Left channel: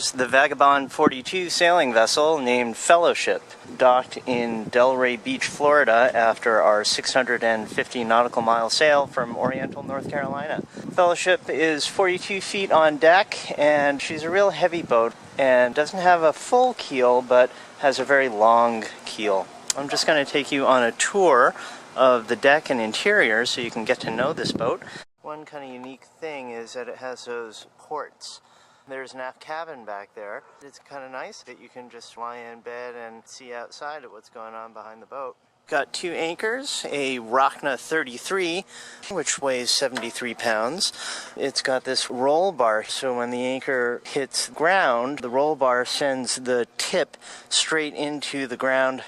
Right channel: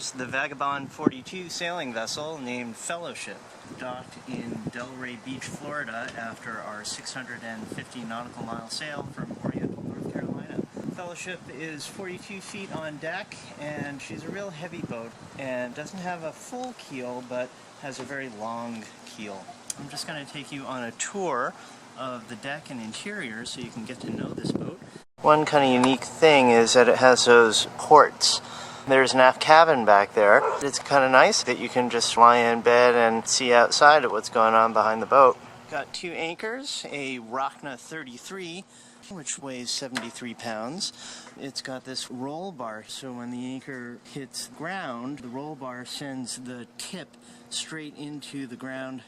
Here's the Vagabond 42 sailing vessel named Fellowship, docked in Delray Beach, Florida after our 650 nautical mile sail from Oriental, North Carolina. Fellowship is 42 feet on deck, and she's a real heavy boat and doesn't have a full keel but has a very long keel. I'm just going to take you on a tour of the deck and interior so you can get to know this boat. One kind of unique thing is that it has those ports. There's an aft cabin back there. It's kind of nice that you can just lie in bed and see outside at what's going on behind the boat. Got two anchors, a Rocna 33, which weighs 73 pounds. It's got this roll bar, so when the anchor hits ground, the roll bar sends the tip straight into the ground.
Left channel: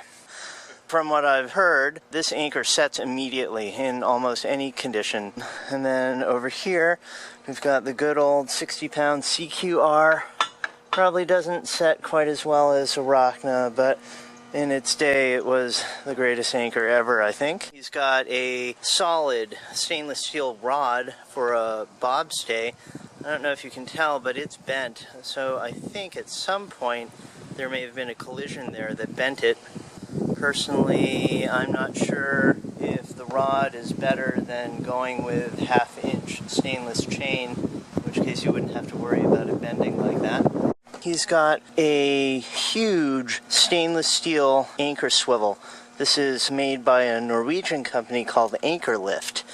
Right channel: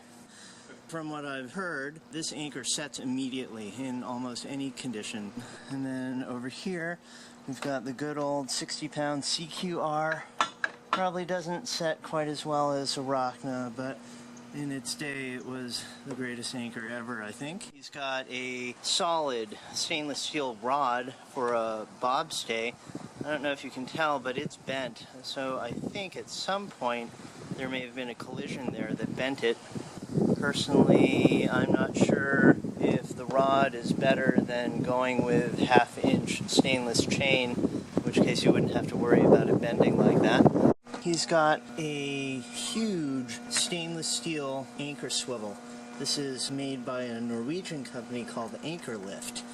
From what I've heard, this anchor sets immediately in almost any condition. And then over here, we've got the good old 60-pound CQR. Probably doesn't set quite as well as a Rocna, but in its day, it was the greatest anchor ever, I think. He's got a solid stainless steel rod for a bobstay. I don't know if you can tell, but it's bent. So I think at some point, there may have been a collision there that bent it. Personally, I'm not sure if the rod is better than going with half-inch stainless chain, in which case you wouldn't have to worry about it bending like that. He's got a huge stainless steel anchor swivel. This is made by a Norwegian company called Anchorlift.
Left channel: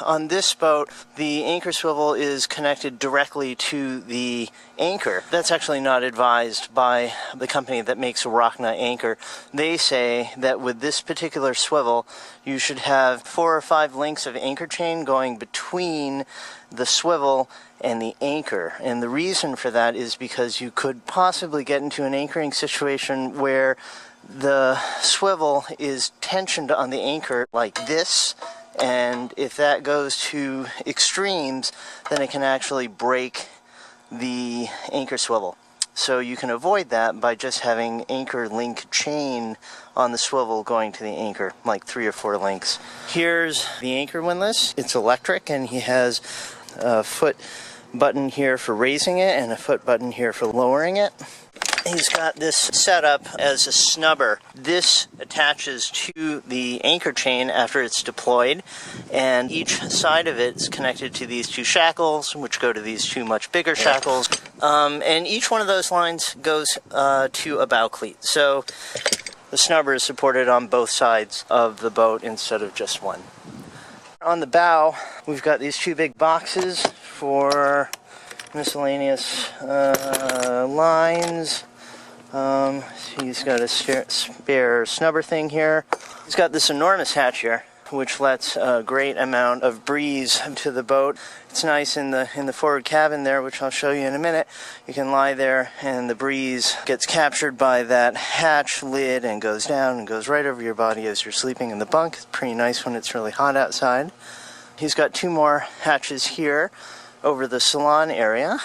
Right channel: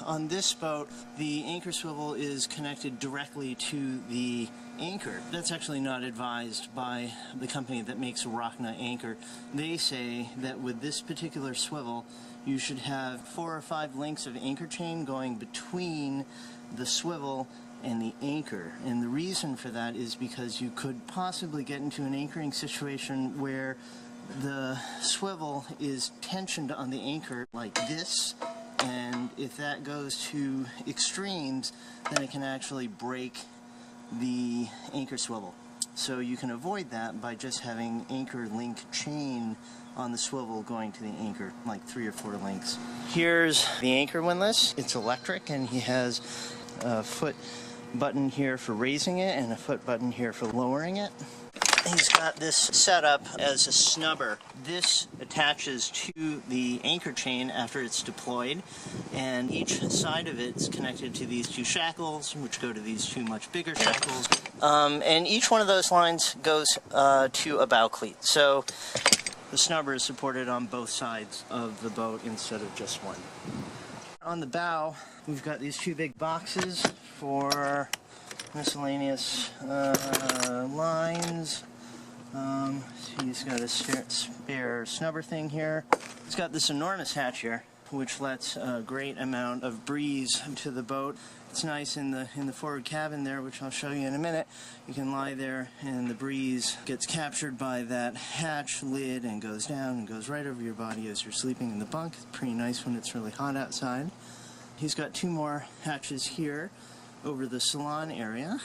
On this boat, the anchor swivel is connected directly to the anchor. That's actually not advised by the company that makes a Rocna anchor. They say that with this particular swivel, you should have 4 or 5 links of anchor chain going between the swivel and the anchor. And the reason for that is because you could possibly get into an anchoring situation where the swivel is tensioned on the anchor like this. And if that goes to extremes, then it can actually break the anchor swivel. So you can avoid that by just having anchor link chain on the swivel going to the anchor, like 3 or 4 links. Here's the anchor windlass. It's electric, and he has a foot button here for raising it and a foot button here for lowering it. He's got this set up as a snubber. This attaches to the anchor chain after it's deployed, and each side of it is connected to these 2 shackles, which go to these 2 much bigger shackles. And each one of those lines goes to a bow cleat. So the snubber is supported on both sides of the boat instead of just one. On the bow, we've got these 2 big boxes for miscellaneous lines. He's got a spare snubber thing here. He's got this enormous hatch here, which lets a great amount of breeze to the boat. It's nice in the forward cabin there, which I'll show you in a minute. You can lie there and the breeze gets captured by that hatch lid and goes down and goes right over your body as you're sleeping in the bunk. It's pretty nice when it's really hot outside. He's got 2 more hatches here over the salon area.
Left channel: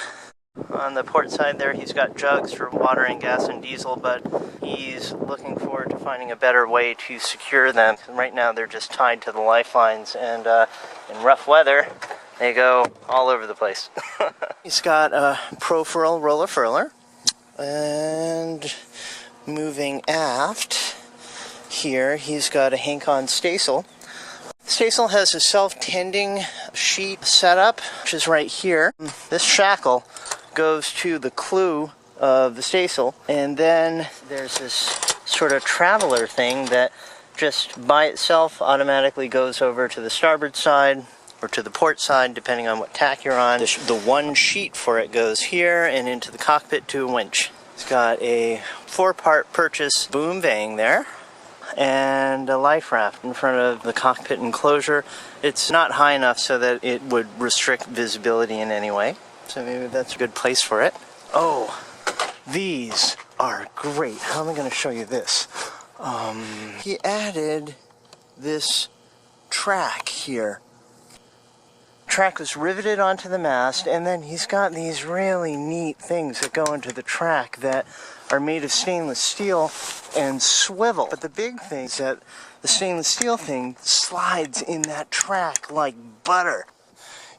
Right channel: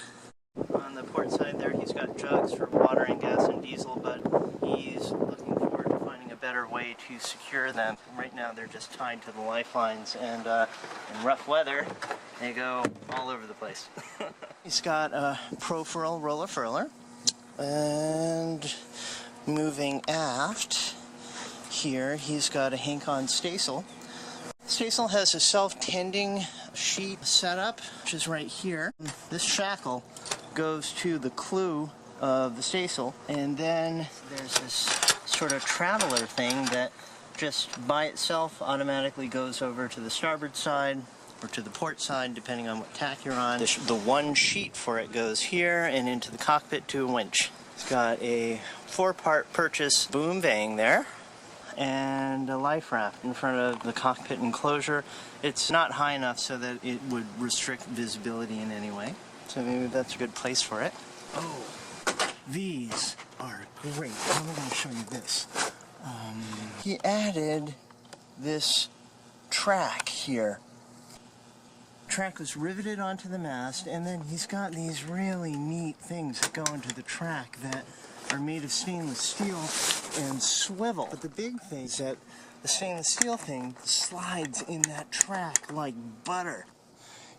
On the port side there, he's got jugs for water and gas and diesel, but he's looking forward to finding a better way to secure them. Right now they're just tied to the lifelines, and in rough weather, they go all over the place. He's got a Profurl roller furler, and moving aft here, he's got a Hank-On staysail. Staysail has a self-tending sheet setup, which is right here. This shackle goes to the clew of the staysail, and then there's this sort of traveler thing that just by itself automatically goes over to the starboard side or to the port side, depending on what tack you're on. The one sheet for it goes here and into the cockpit to a winch. It's got a 4-part purchase boom vang there and a life raft in front of the cockpit enclosure. It's not high enough so that it would restrict visibility in any way. So maybe that's a good place for it. Oh, these are great. How am I going to show you this? He added this track here. Track was riveted onto the mast, and then he's got these really neat things that go into the track that are made of stainless steel and swivel. But the big thing is that the stainless steel thing slides in that track like butter.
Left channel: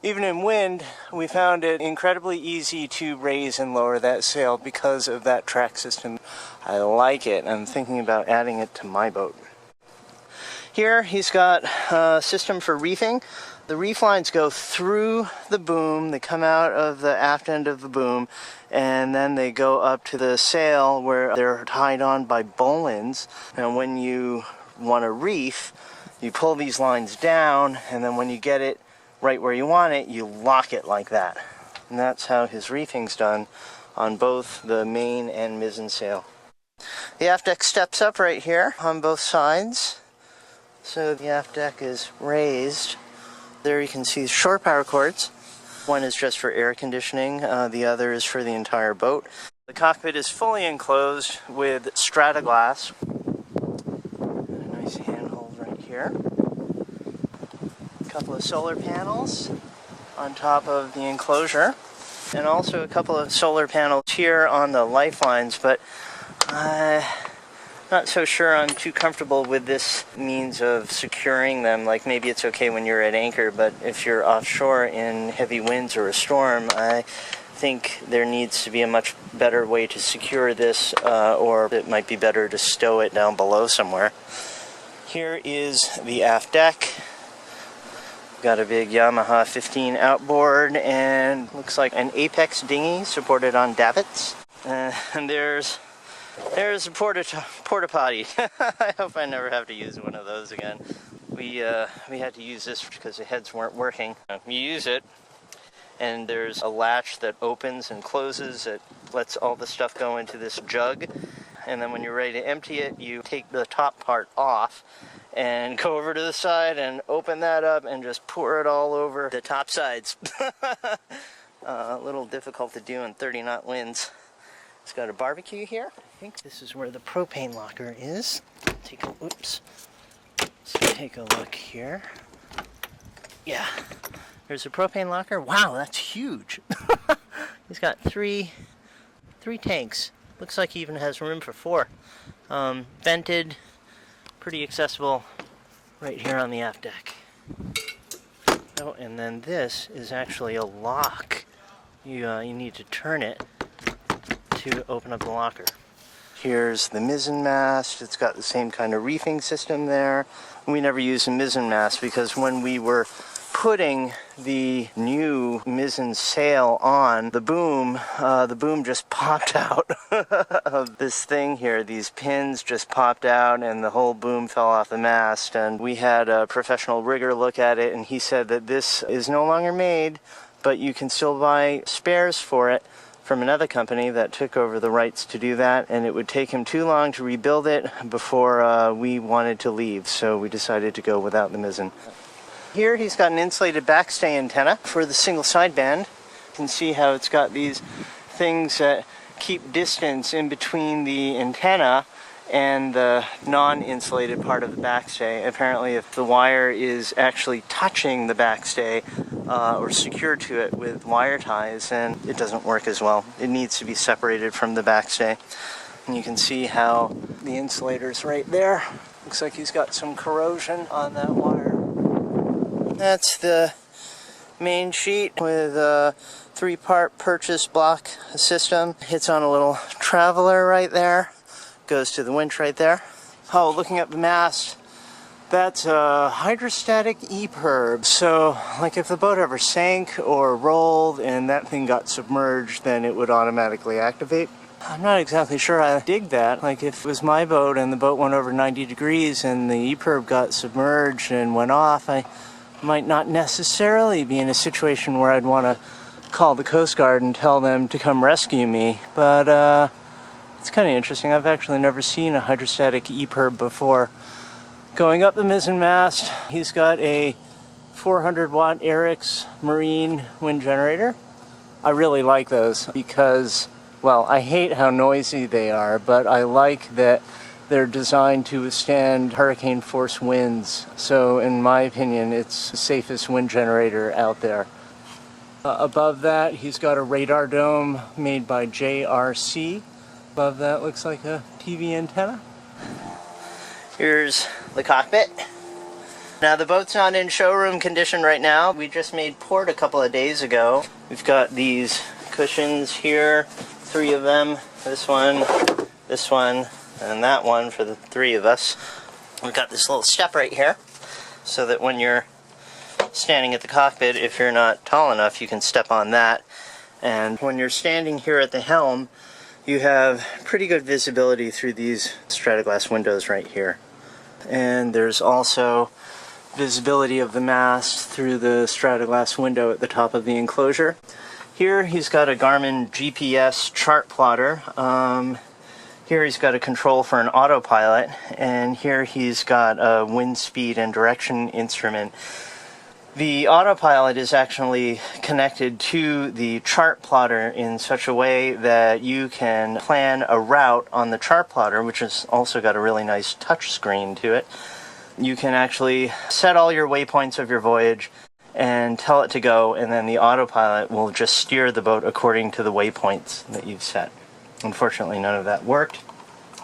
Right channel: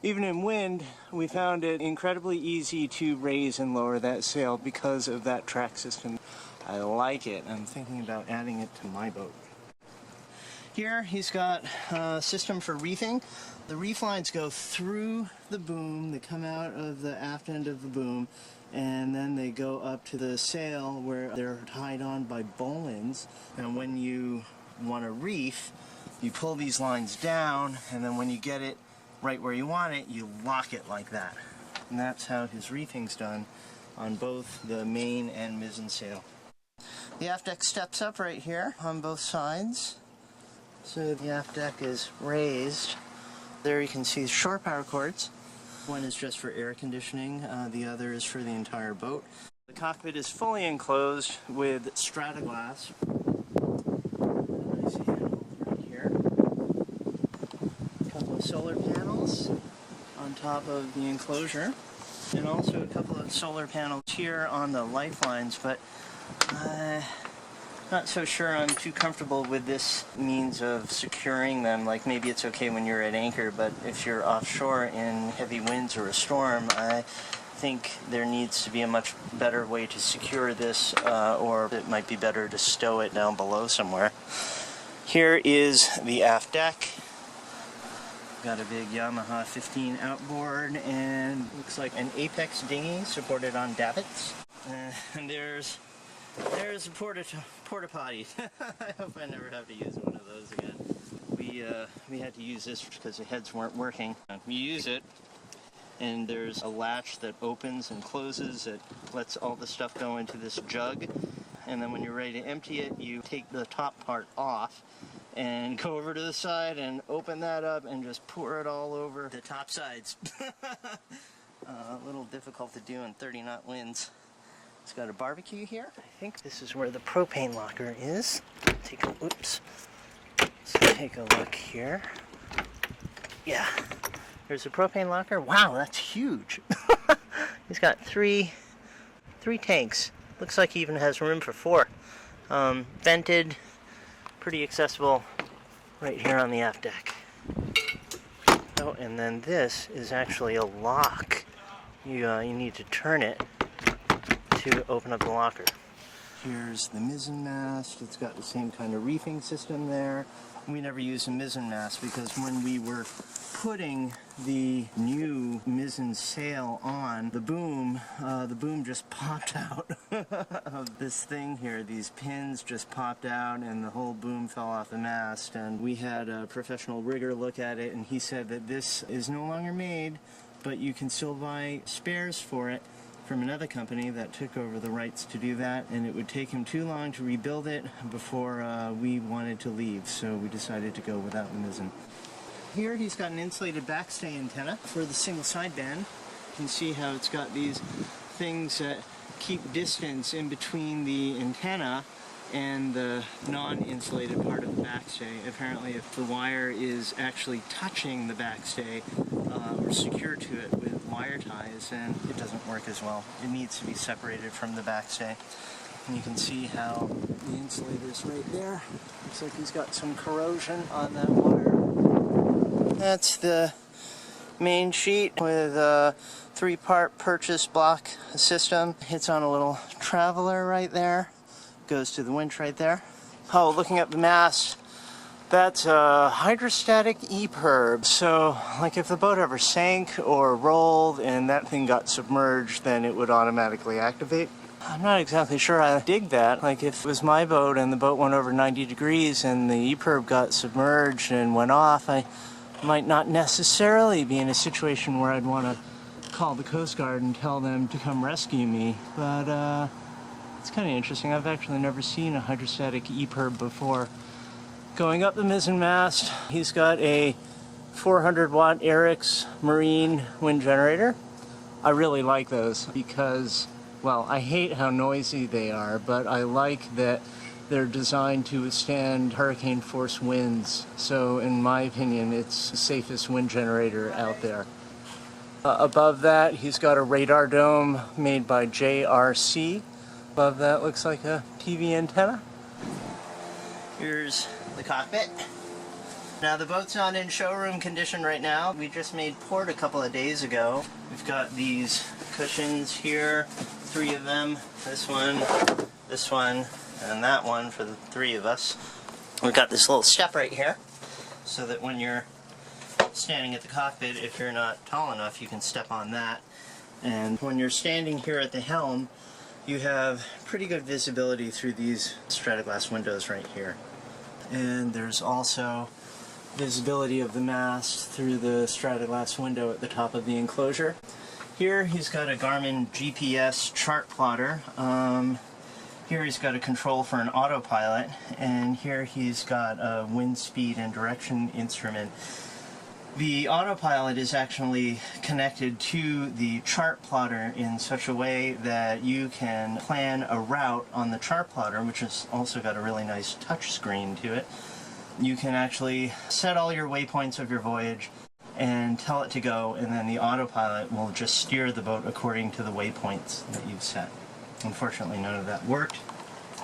Even in wind, we found it incredibly easy to raise and lower that sail because of that track system. I like it. I'm thinking about adding it to my boat. Here he's got a system for reefing. The reef lines go through the boom, they come out of the aft end of the boom, and then they go up to the sail where they're tied on by bowlines. And when you want to reef, you pull these lines down, and then when you get it right where you want it, you lock it like that. And that's how his reefing's done on both the main and mizzen sail. The aft deck steps up right here on both sides. So the aft deck is raised. There you can see shore power cords. One is just for air conditioning, the other is for the entire boat. The cockpit is fully enclosed with strata glass. A nice handhold right here. A couple of solar panels on top of the enclosure, and also a couple of solar panels here on the lifelines, but not so sure I'm too comfortable with this means of securing them. Like, maybe it's okay when you're at anchor, but if you're offshore in heavy winds or a storm, I think there needs to be a much better way to secure this, or it might be better to stow it down below somewhere. Here is the aft deck. Got a big Yamaha 15 outboard, and looks like an Apex dinghy supported on davits. And there's a porta potty. I hope I never have to use one of those again. We had to use this because the heads weren't working. You use it, and there's a latch that opens and closes. It lets all the stuff go into this jug, and then when you're ready to empty it, you take the top part off and go over to the side and open that up and just pour it all over the top sides. A little difficult to do in 30-knot winds. It's got a barbecue here. I think this is where the propane locker is. Let's take a look here. Yeah, there's a propane locker. Wow, that's huge. He's got three tanks. Looks like he even has room for 4. Vented, pretty accessible right here on the aft deck. Oh, and then this is actually a lock. You need to turn it to open up the locker. Here's the mizzen mast. It's got the same kind of reefing system there. We never used a mizzen mast because when we were putting the new mizzen sail on the boom just popped out of this thing here. These pins just popped out and the whole boom fell off the mast. And we had a professional rigger look at it, and he said that this is no longer made, but you can still buy spares for it from another company that took over the rights to do that, and it would take him too long to rebuild it before we wanted to leave, so we decided to go without the mizzen. Here he's got an insulated backstay antenna for the single sideband. You can see how it's got these things that keep distance in between the antenna and the non-insulated part of the backstay. Apparently if the wire is actually touching the backstay, or secured to it with wire ties, and it doesn't work as well. It needs to be separated from the backstay. And you can see how the insulator's right there. Looks like he's got some corrosion on that wire. That's the main sheet with a 3-part purchase block system. Hits on a little traveler right there. Goes to the winch right there. Oh, looking at the mast, that's a hydrostatic EPIRB. So, like if the boat ever sank or rolled and that thing got submerged, then it would automatically activate. I'm not exactly sure I dig that. Like if it was my boat and the boat went over 90 degrees and the EPIRB got submerged and went off, I might not necessarily be in a situation where I'd want to call the Coast Guard and tell them to come rescue me. But it's kind of interesting. I've actually never seen a hydrostatic EPIRB before. Going up the mizzen mast, he's got a 400-watt Eric's Marine wind generator. I really like those because, well, I hate how noisy they are, but I like that they're designed to withstand hurricane force winds. So in my opinion, it's the safest wind generator out there. Above that, he's got a radar dome made by JRC. Above that looks like a TV antenna. Here's the cockpit. Now the boat's not in showroom condition right now. We just made port a couple of days ago. We've got these cushions here, 3 of them, this one, and that one for the 3 of us. We've got this little step right here, so that when you're standing at the cockpit, if you're not tall enough, you can step on that. And when you're standing here at the helm, you have pretty good visibility through these strata-glass windows right here. And there's also visibility of the mast through the strata-glass window at the top of the enclosure. Here he's got a Garmin GPS chart plotter. Here he's got a control for an autopilot, and here he's got a wind speed and direction instrument. The autopilot is actually connected to the chart plotter in such a way that you can plan a route on the chart plotter, which has also got a really nice touch screen to it. You can actually set all your waypoints of your voyage and tell it to go, and then the autopilot will just steer the boat according to the waypoints that you've set. Unfortunately, none of that worked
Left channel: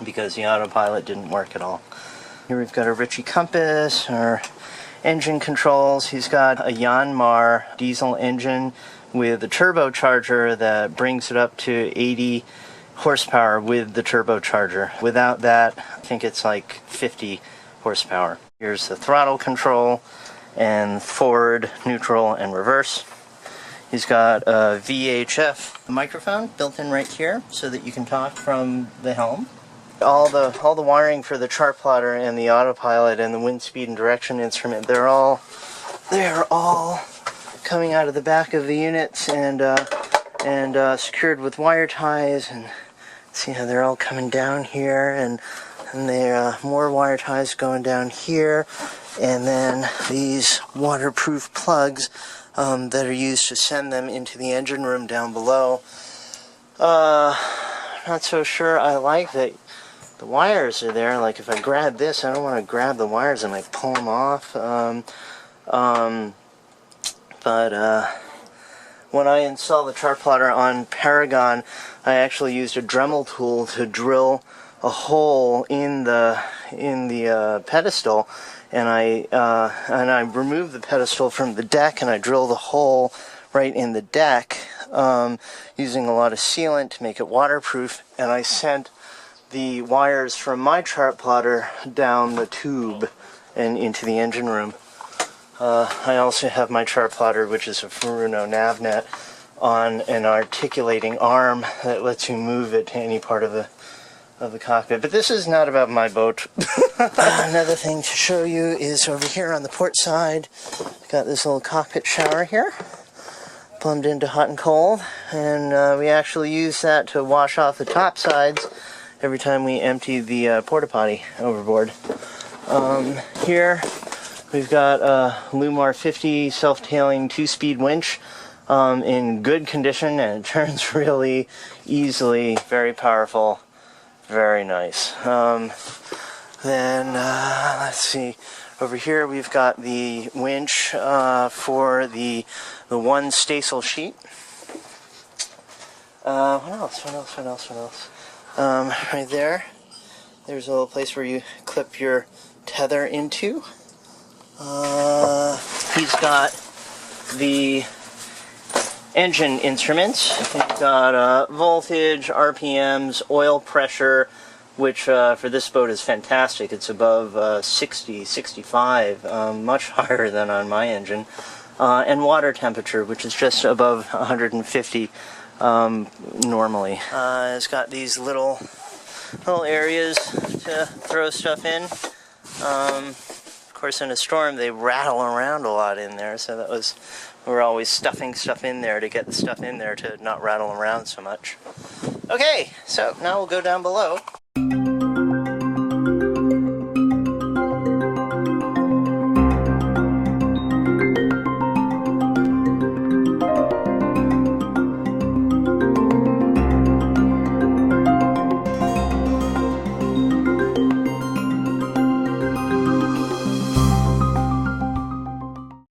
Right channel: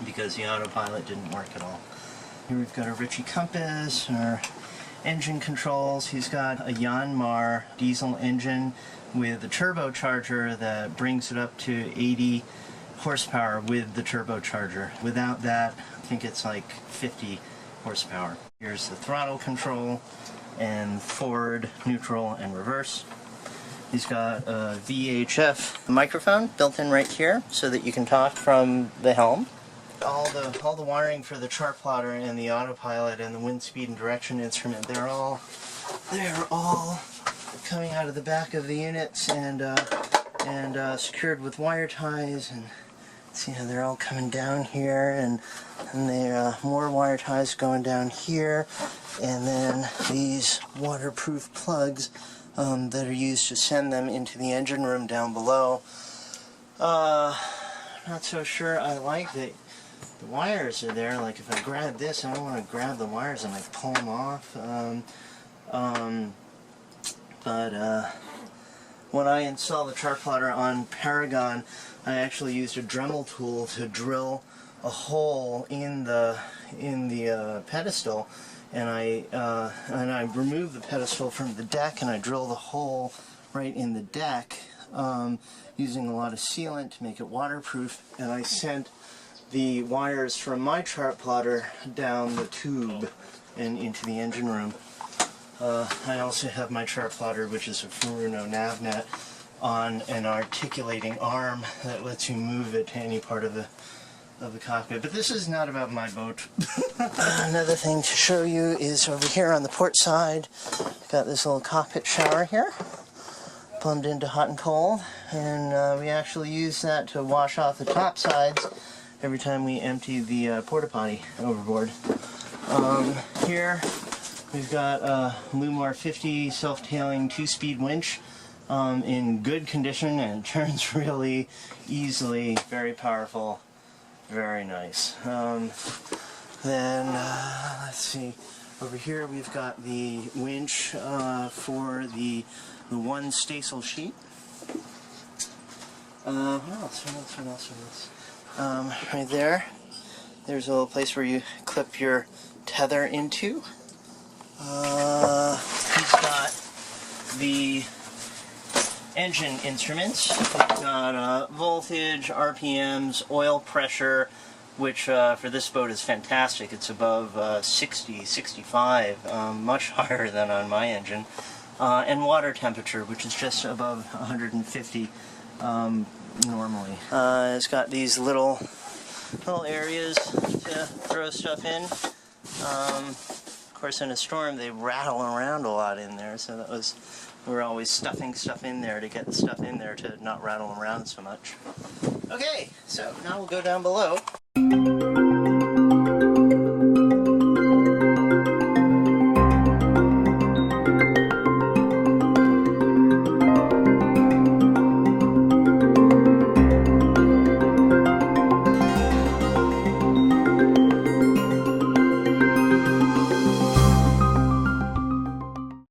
because the autopilot didn't work at all. Here we've got a Ritchie compass, our engine controls. He's got a Yanmar diesel engine with a turbocharger that brings it up to 80 horsepower with the turbocharger. Without that, I think it's like 50 horsepower. Here's the throttle control and forward, neutral, and reverse. He's got a VHF microphone built in right here so that you can talk from the helm. All the wiring for the chart plotter and the autopilot and the wind speed and direction instrument, they're all coming out of the back of the units and secured with wire ties. And see how they're all coming down here, and there are more wire ties going down here, and then these waterproof plugs that are used to send them into the engine room down below. Not so sure I like that the wires are there. Like if I grab this, I don't want to grab the wires and like pull them off. But when I installed the chart plotter on Paragon, I actually used a Dremel tool to drill a hole in the pedestal, and I removed the pedestal from the deck, and I drilled a hole right in the deck using a lot of sealant to make it waterproof, and I sent the wires from my chart plotter down the tube and into the engine room. I also have my chart plotter, which is a Furuno Navnet, on an articulating arm that lets you move it to any part of the cockpit. But this is not about my boat. Another thing to show you is over here on the port side, got this little cockpit shower here, plumbed into hot and cold, and we actually use that to wash off the top sides every time we empty the porta potty overboard. Here we've got a Lumar 50 self-tailing 2-speed winch in good condition, and it turns really easily, very powerful, very nice. Then let's see, over here we've got the winch for the one staysail sheet. What else? Right there's a little place where you clip your tether into. He's got the engine instruments. We've got voltage, RPMs, oil pressure, which for this boat is fantastic. It's above 60, 65, much higher than on my engine. And water temperature, which is just above 150 normally. It's got these little areas to throw stuff in. Of course, in a storm, they rattle around a lot in there, so we're always stuffing stuff in there to get the stuff in there to not rattle around so much. Okay, so now we'll go down below